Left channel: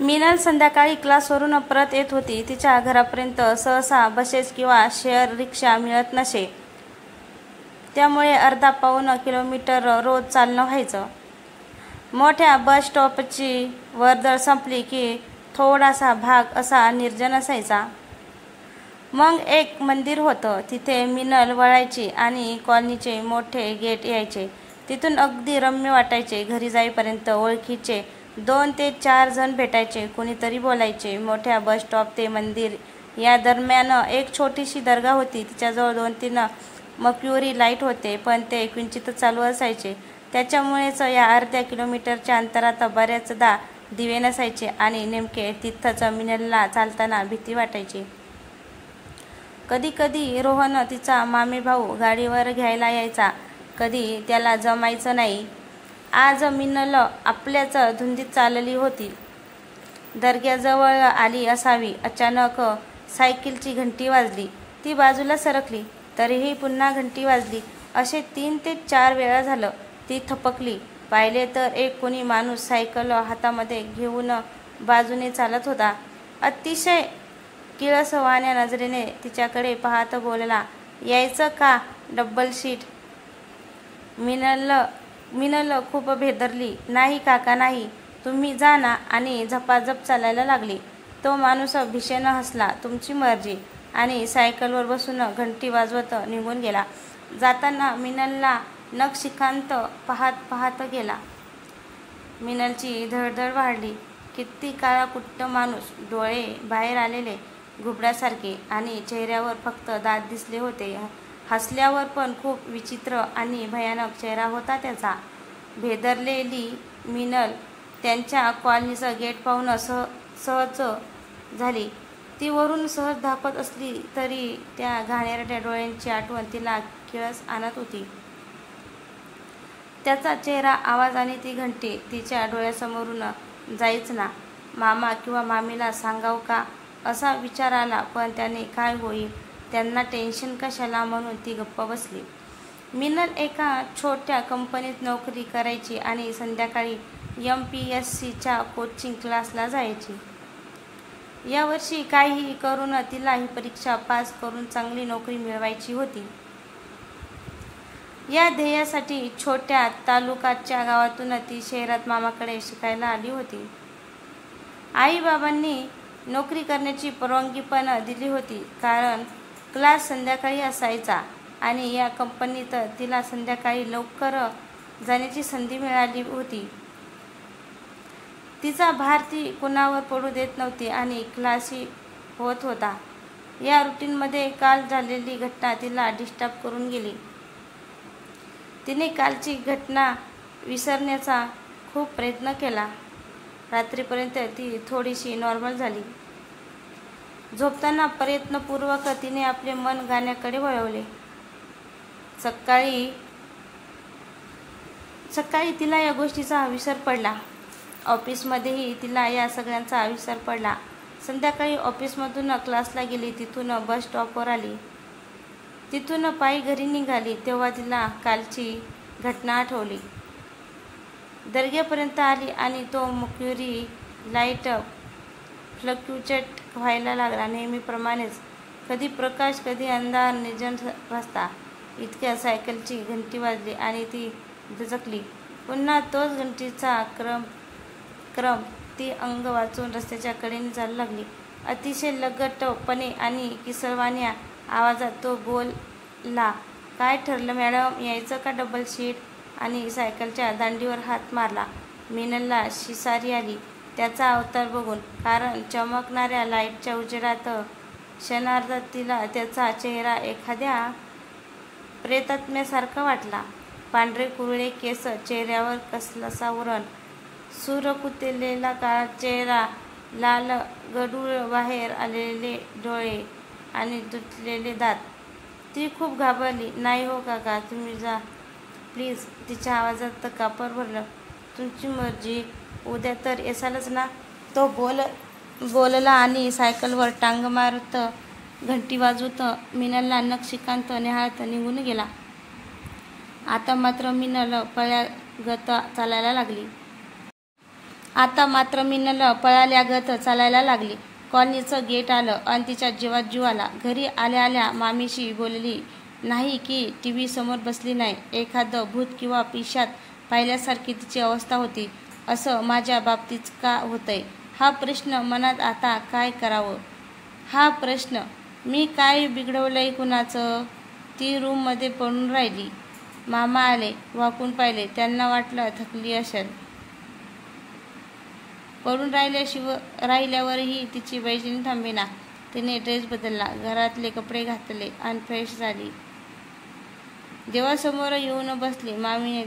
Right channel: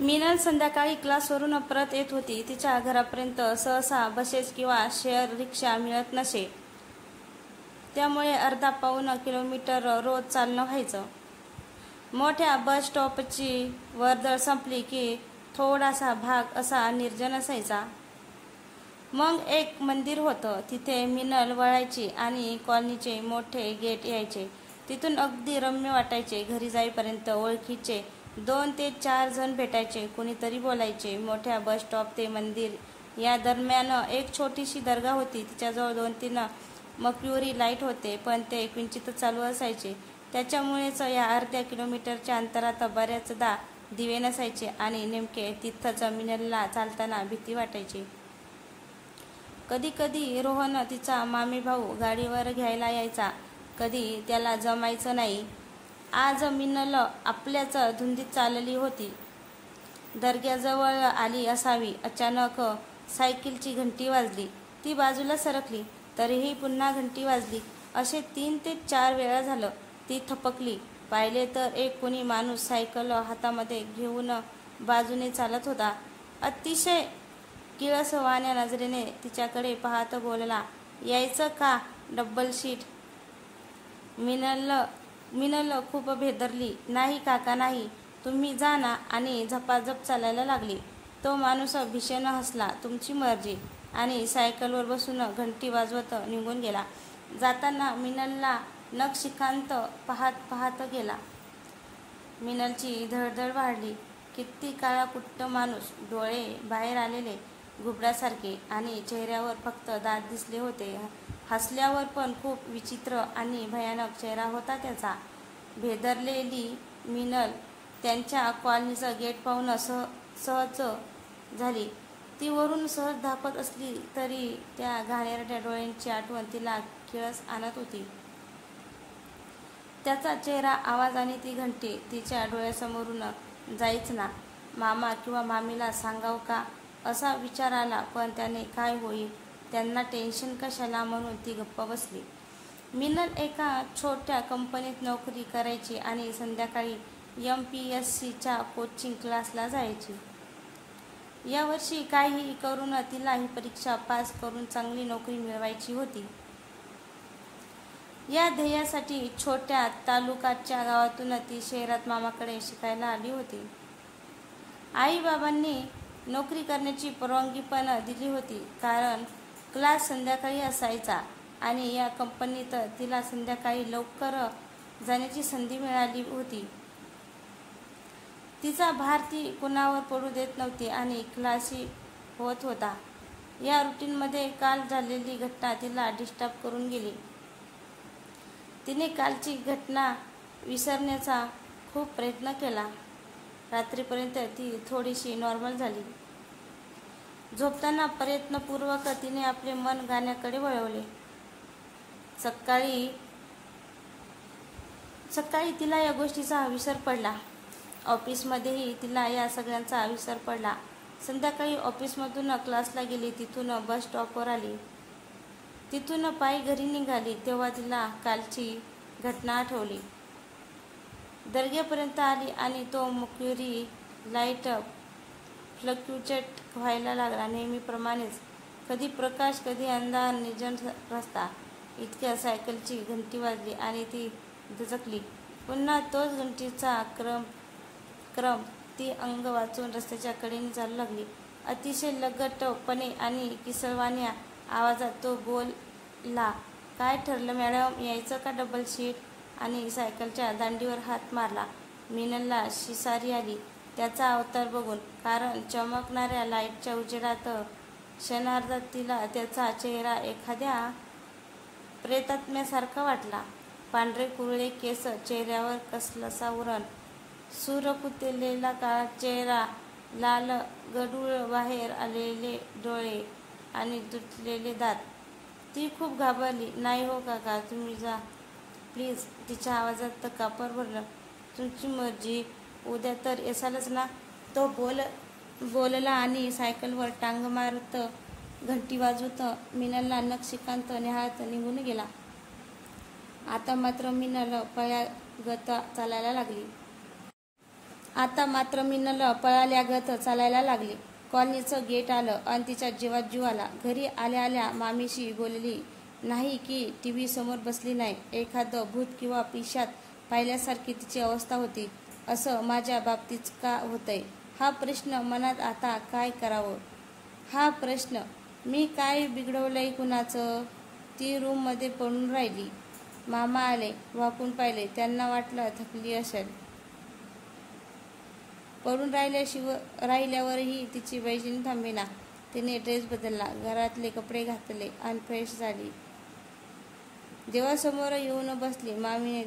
मिनल संध्याकाळी क्लासवरून परत येत होती. तिच्या घरापर्यंत सहसा बसेस किंवा शेअर रिक्षा मिळत नसे. त्यामुळे अर्धा पाऊण किलोमीटर रोज चालणं व्हायचं. मोठ्या बस स्टॉपची वर्दळ संपली की थोडासा भाग असा निर्जन असायचा. मग एक मंदिर होतं. तिथे मिनल वळायची आणि कॉलनीचे मोठे गेट यायचे. तिथून अगदी रम्य वाटायचे. घरी जाईपर्यंत ओळखीचे 2 ते 4 जण भेटायचे. कुणीतरी बोलायचे. मोठ्या बस स्टॉप ते मंदिर या दरम्यान एक छोटीशी दर्गा होती. तिच्याजवळ 2-3 मक्युरी लाईट होते, पण ते किंचितच चालू असायचे. त्याच्यामुळेच या अर्ध्या किलोमीटरच्या अंतरात बऱ्याचदा दिवे नसायचे आणि नेमके तिथंच मिनलला चालताना भीती वाटायची. कधी कधी रोहन, तिचा मामेभाऊ, गाडीवर घ्यायला यायचा. कधी त्याला जमायचं नाही. आज मिनल आपल्याच धुंदीत चालली होती. दर्ग्याजवळ आली असावी. अचानक सायकलची घंटी वाजली. ती बाजूला सरकली. तरीही पुन्हा घंटी वाजली. असे 3 ते 4 वेळा झालं. ती थपकली. पाहिले तर एक कोणी माणूस सायकल हातामध्ये घेऊन बाजूने चालत होता. अतिशय किळसवाण्या नजरेने तिच्याकडे पाहत बोलला, "यायचं का डबल सीट?" मिनल खूप भेदरली. "नाही काका, नाही. तुम्ही जा ना." आणि झपाझप चालायला लागली. तो माणूस भीषण हसला. "तुमची मर्जी." आणि सायकलवर बसून घंटी वाजवत निघून गेला. जाताना मिनलला नखशिखांत पाहत पाहत गेला. मिनलची धडधड वाढली. किती काळाकुट्ट माणूस, डोळे बाहेर आलेले घुबडासारखे आणि चेहऱ्यावर फक्त दात दिसले होते. हसल्यावर पण खूप विचित्र आणि भयानक चेहरा होता त्याचा. भेदरलेली मिनल त्यांच्या कॉलनीचं गेट पाहून सहज झाली. ती वरून सहज धापत असली तरी त्या घाणेरड्या डोळ्यांची आठवण तिला किळस आणत होती. त्याचा चेहरा, आवाज आणि ती घंटी तिच्या डोळ्यासमोरून जाईच ना. मामा किंवा मामीला सांगाव का असा विचार आला, पण त्याने काय होईल, त्यांना टेन्शन कशाला, म्हणून ती गप्प बसली. मिनल एका छोट्या कंपनीत नोकरी करायची आणि संध्याकाळी MPSCच्या कोचिंग क्लासला जायची. यावर्षी काहीही करून तिला ही परीक्षा पास करून चांगली नोकरी मिळवायची होती. या ध्येयासाठी छोट्या तालुकाच्या गावातून ती शहरात मामाकडे शिकायला आली होती. आई-बाबांनी नोकरी करण्याची परवानगी पण दिली होती, कारण क्लास संध्याकाळी असायचा आणि या कंपनीत तिला संध्याकाळी लवकर जाण्याची संधी मिळाली होती. तिचा भार ती कुणावर पडू देत नव्हती आणि क्लासही होत होता. या रुटीनमध्ये काल झालेली घटना तिला डिस्टर्ब करून गेली. तिने कालची घटना विसरण्याचा खूप प्रयत्न केला. रात्रीपर्यंत ती थोडीशी नॉर्मल झाली. झोपताना प्रयत्नपूर्वक तिने आपले मन गाण्याकडे वळवले. सकाळी तिला या गोष्टीचा विसर पडला. ऑफिसमध्येही तिला या सगळ्यांचा विसर पडला. संध्याकाळी ऑफिसमधून क्लासला गेली. तिथून बस स्टॉपवर आली. तिथून पायी घरी निघाली तेव्हा तिला कालची घटना आठवली. दर्ग्यापर्यंत आली आणि तो मक्युरी लाईट फ्लक्च्युएट व्हायला लागला. नेहमीप्रमाणेच कधी प्रकाश, कधी अंधार, निर्जन रस्ता. इतक्या सायकलची घंटी वाजली आणि ती दचकली. पुन्हा तोच घंटीचा क्रम. ती अंग वाचून रस्त्याच्या कडेने चालू लागली. अतिशय लगटपणे आणि किसळवाण्या आवाजात तो बोलला, "काय ठरलं मॅडम, यायचं का डबल सीट?" आणि सायकलच्या दांडीवर हात मारला. मिनलला शिसारी आली त्याचा अवतार बघून, कारण चमकणाऱ्या लाईटच्या उजेडात क्षणार्धात तिला त्याचा चेहरा एखाद्या प्रेतात्म्यासारखा वाटला. पांढरे कुरळे केस, चेहऱ्यावर कसलसा व्रण, सुरकुतलेला काळा चेहरा, लाल गडूळ बाहेर आलेले डोळे आणि तुटलेले दात. ती खूप घाबरली. "नाही हो काका, तुम्ही जा प्लीज." तिच्या आवाजात कापर भरलं. "तुमची मर्जी, उद्या तर येसालच ना." तो बोलला आणि सायकलवर टांग मारत, घंटी वाजवत मिनलला नखशिखांत निहाळत निघून गेला. आता मात्र मिनल पळ्यागत चालायला लागली. आता मात्र मिनल पळाल्यागत चालायला लागली. कॉलनीचं गेट आलं आणि तिच्या जीवात जीव आला. घरी आल्या आल्या मामीशी बोलली नाही की टीव्ही समोर बसली नाही. एखादं भूत किंवा पिशाच पाहिल्यासारखी तिची अवस्था होती. असं माझ्या बाबतीत का होतंय हा प्रश्न मनात. आता काय करावं हा प्रश्न. मी काय बिघडवलंय कुणाचं. ती रूममध्ये पडून राहिली. मामा आले, वाकून पाहिले. त्यांना वाटलं थकली असेल. पडून राहिल्यावरही तिची बेचैनी थांबेना. तिने ड्रेस बदलला, घरातले कपडे घातले आणि फ्रेश झाली. देवासमोर येऊन बसली. मामीने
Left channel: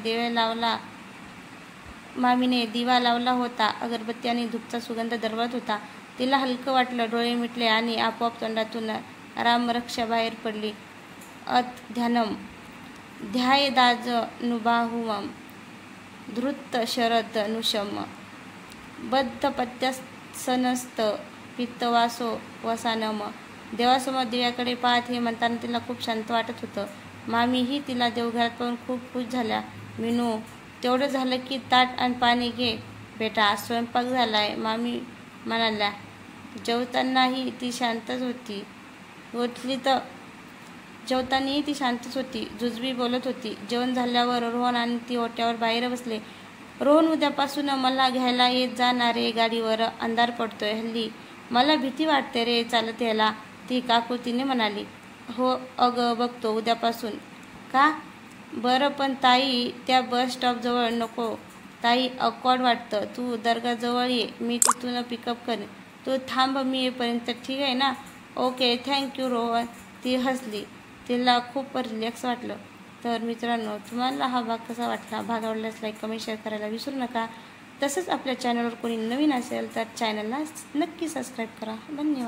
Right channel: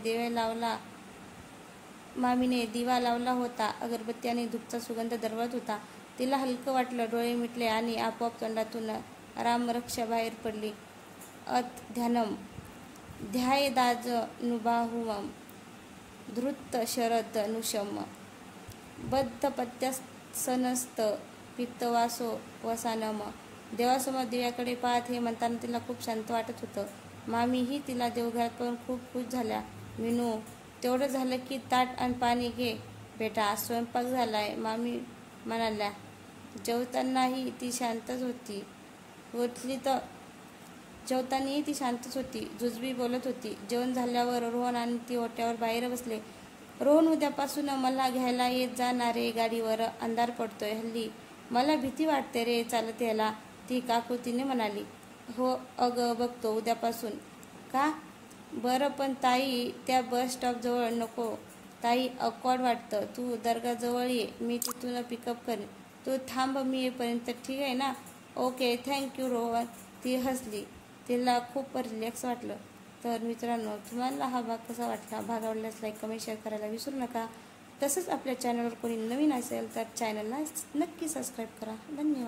दिवा लावला होता. अगरबत्ती आणि धूपचा सुगंध दरवळत होता. तिला हलकं वाटलं. डोळे मिटले आणि आपोआप तोंडातून रामरक्षा बाहेर पडली. अत ध्यानम ध्यायेदाजनुबाहुवम धृत शरद नुशम बद्धपत्यसनस्त पित्तवासो वसानम. देवासमोर दिव्याकडे पाहत हे म्हणताना तिला खूप शांत वाटत होतं. मामीही तिला देवघरात पाहून खूप खुश झाल्या. मिनू, तेवढं झालं की ताट आणि पाणी घे बेटा, स्वयंपाक झालाय, मामी म्हणाल्या. जेवतानाही ती शांतच होती. जुजबी बोलत होती. जेवण झाल्यावर रोहन आणि ती ओट्यावर बाहेर बसले. रोहन, उद्यापासून मला घ्यायला येत जा ना रे गाडीवर. अंधार पडतोय हल्ली. मला भीती वाटते रे चालत यायला, ती काकुतीने म्हणाली. हो अगं बघतो उद्यापासून. का बरं पण ताई, त्या बस स्टॉप जवळ नको ताई, ऑकवर्ड वाटतं. तू दर्गाजवळ ये, मी तिथून पिकअप करेन. तू थांब मी येईपर्यंत, ठीक आहे ना. Okay thank you Rohan. ती हसली. तिला खूप रिलॅक्स वाटलं. तर मित्रांनो, तुम्हाला हा भाग कसा वाटला. भाग आवडल्यास लाईक कमेंट शेअर करायला विसरू नका. तसंच आपल्या चॅनलवर कोणी नवीन असेल तर चॅनलला नक्की सबस्क्राईब करा. धन्यवाद.